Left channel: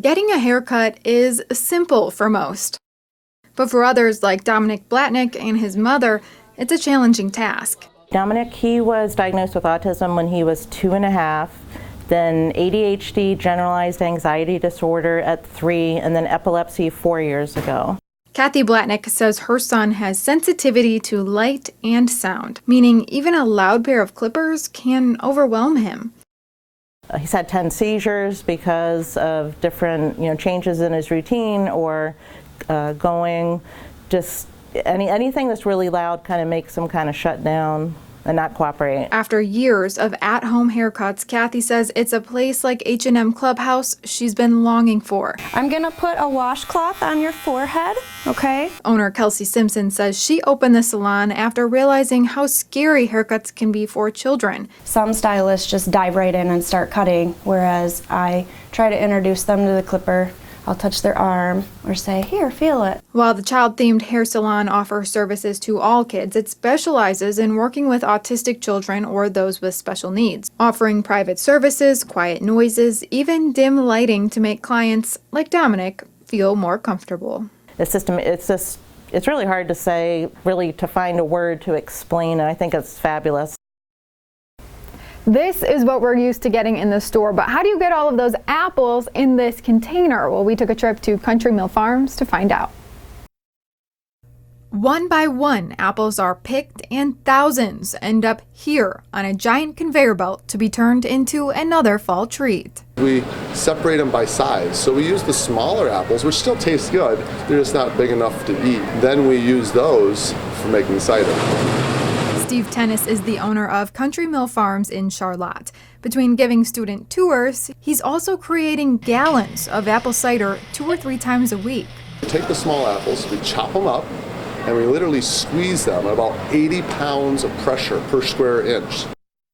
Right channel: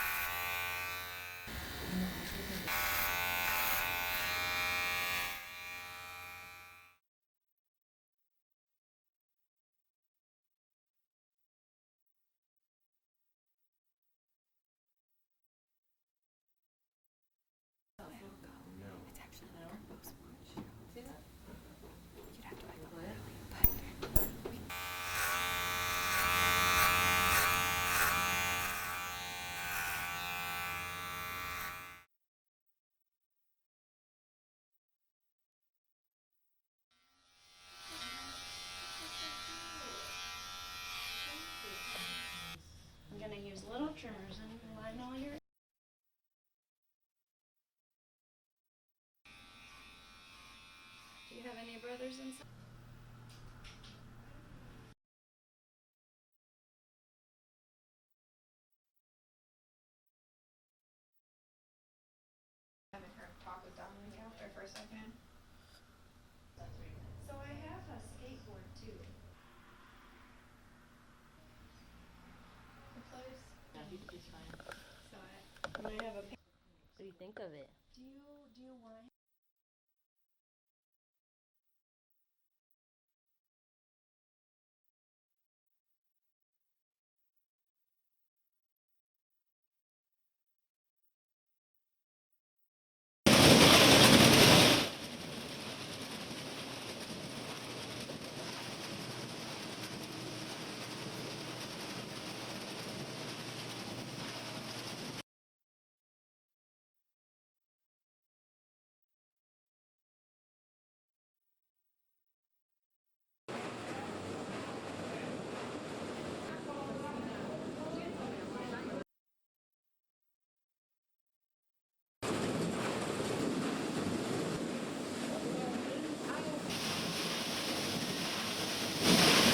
Getting a haircut is simple for most. But for others like Dominic Blatnick and his mother, it's a challenging task. Dominic, he was diagnosed with autism when he was 2.5, then ADHD, generalized anxiety disorder at 3, and then epilepsy 4 years ago. Kathy Blatnick says her son has sensitivity to light and sound, meaning even a loud pair of clippers can overwhelm him. He's had 10 seizures because of different, changes in his routine or going, just anything that's really loud kind of makes him kind of shut down and not cooperate. After years of at-home haircuts, Kathy says it's a place like H&M Clubhouse she's been longing for. I'm gonna put a washcloth on your forehead, okay? Owner Kelsey Simpson says she opened the salon after realizing how scary haircuts can be for children. Some stylists just dive right in and start cutting, whereas I try to introduce them to the clipper. I'll touch their arm or say, here, feel it. While the child-themed hair salon offers services to all kids, it specializes in working with autistic children or those with special needs, offering private services, quiet noises, even dim lighting to make clients, like Dominic, feel more comfortable. It's really hard to say, really to find a word to explain it. I think it's fabulous. This is what we're used to getting in the store, but how do you get all of those apples in this container? Well, we took a trip to Country Mill Farms to find out. One by one, apples are picked and thousands end up here on a giant conveyor belt to be turned into another fall treat. We separate them by size, so we use the smaller apples, which still taste good, they're just not big enough to eat. Then we use those for making cider. Steve Tennis is the owner of Country Mill Farms in Charlotte. Between giving student tours, he's also creating gallons of apple cider 2 or 3 times a week. We take the small apples, we chop them up, and we literally squeeze them at about 80 pounds of pressure per square inch.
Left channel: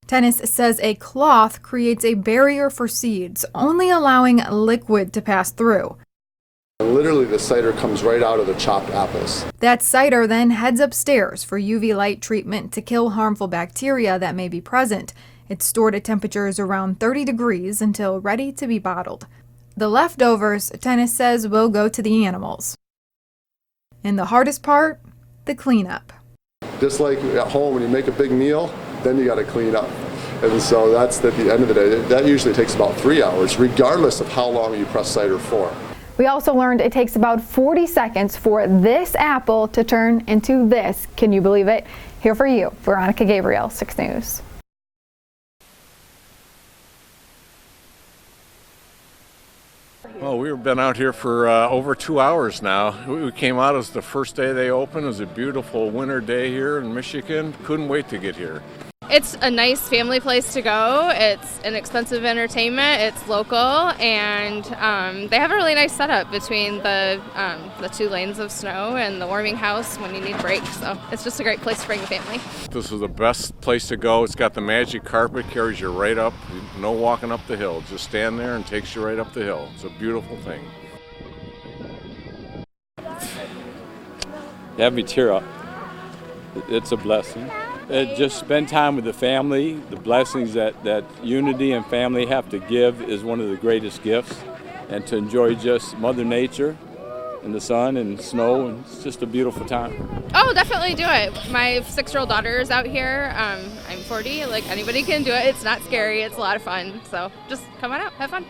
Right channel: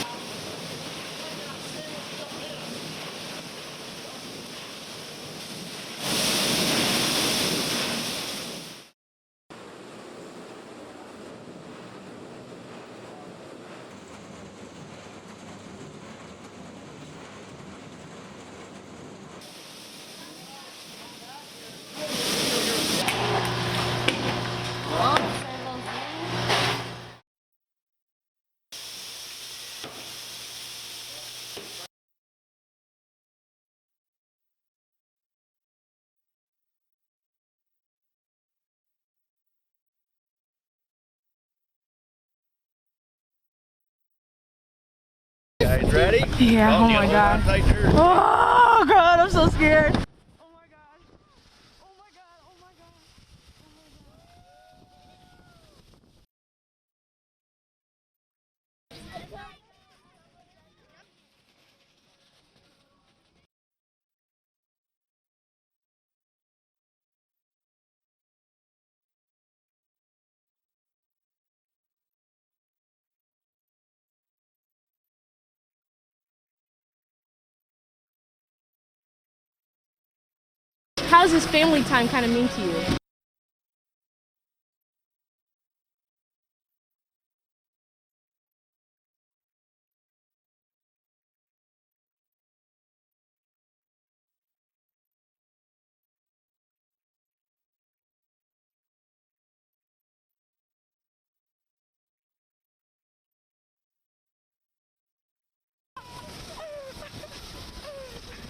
Tennis says a cloth creates a barrier for seeds, only allowing liquid to pass through. And literally the cider comes right out of the chopped apples. That cider then heads upstairs for UV light treatment to kill harmful bacteria that may be present. It's stored at temperatures around 30 degrees until ready to be bottled. The leftovers, Tennis says, will go to the animals. And the hardest part, the cleanup. Just like at home when you make a big meal, then you got to clean up. And so that's at the end of the day. That usually takes about 3 hours, regardless of how long you press cider for. We also learned it takes about 40 seconds for this apple to turn into this. Can you believe it? Here for you, Veronica Gabriel, 6 News. Guys ready? Yeah, oh my God. Oh God, I'm so scared. Well, we've been out here for over 2 hours now. We came out as the first day they opened. It was a beautiful winter day here in Michigan. Couldn't wait to get here. It's a nice family place to go. It's inexpensive entertainment. It's local, and they have a really nice setup between the 2 lanes of snow and the warming house when you need breaks. So it's just a great place to bring the family. This is the best place to go. It's got the magic carpet, carries you right up. No walking up the hill. Just stand there and takes you right up the hill. It's a beautiful thing. How does this family time kind of mean to you? You have me tear up. It's a blessing. Just spend time with the family. The blessings that unity and family have to give is one of the greatest gifts. And to enjoy just Mother Nature and the sun and snow, and it's just a beautiful time. Oh, definitely do it. My 6-year-old daughter is out here. I'm 40. Like, anybody can do it. It's not scary. It's a lot of fun. So just come on out, have fun.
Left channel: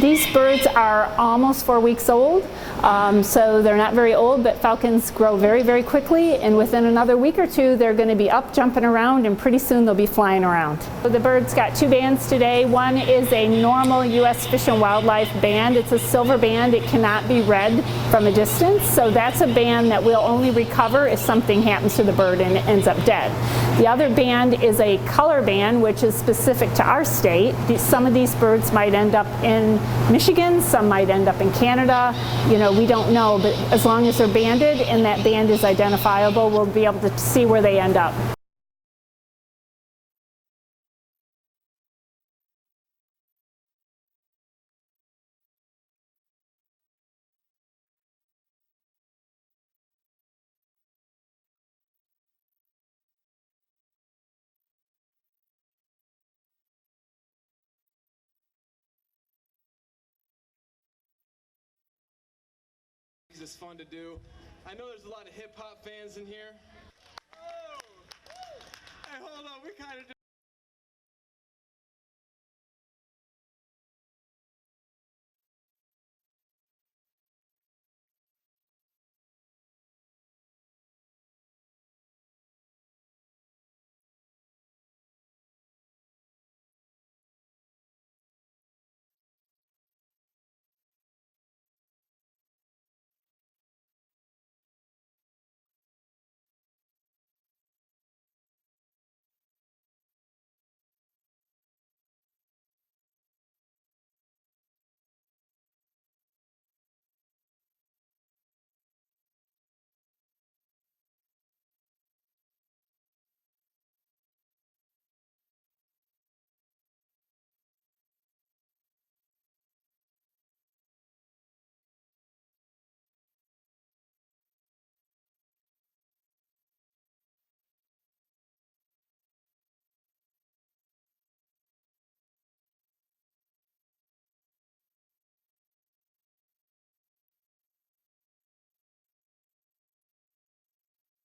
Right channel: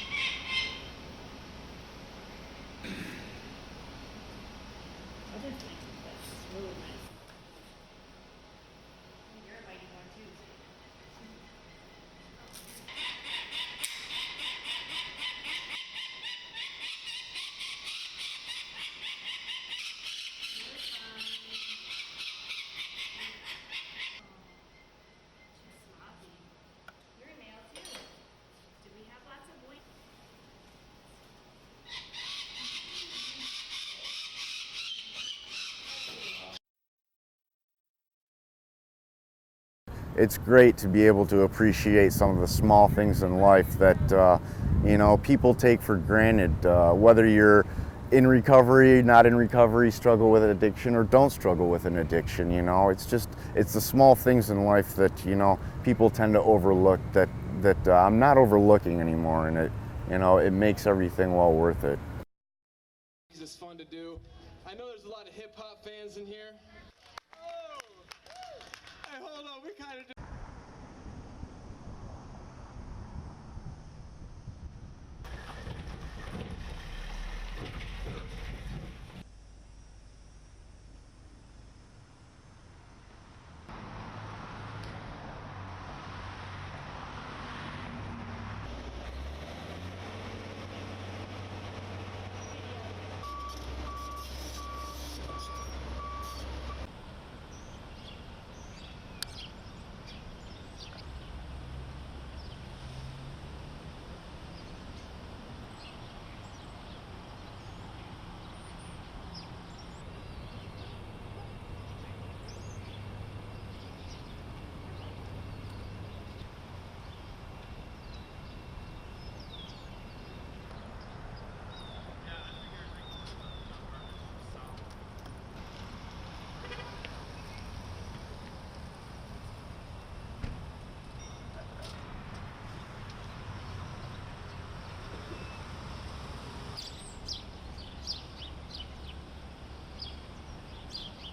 These birds are almost 4 weeks old, so they're not very old, but falcons grow very, very quickly, and within another week or 2, they're going to be up, jumping around, and pretty soon they'll be flying around. So the birds got 2 bands today. One is a normal U.S. Fish and Wildlife band. It's a silver band. It cannot be read from a distance, so that's a band that will only recover if something happens to the bird and it ends up dead. The other band is a color band, which is specific to our state. Some of these birds might end up in Michigan, some might end up in Canada. We don't know, but as long as they're banded and that band is identifiable, we'll be able to see where they end up. It's great to be able to appreciate some of the small things in life that people take for granted, whether you're in recovery, not in recovery, struggle with an addiction, or don't struggle with an addiction. You know, it's the small things in life that, you know, people tend to overlook that I'm not overlooking anymore, and it makes everything well worth it. It's fun to do. I know there's a lot of hip hop fans in here. Oh! Hey, hold on, we kind of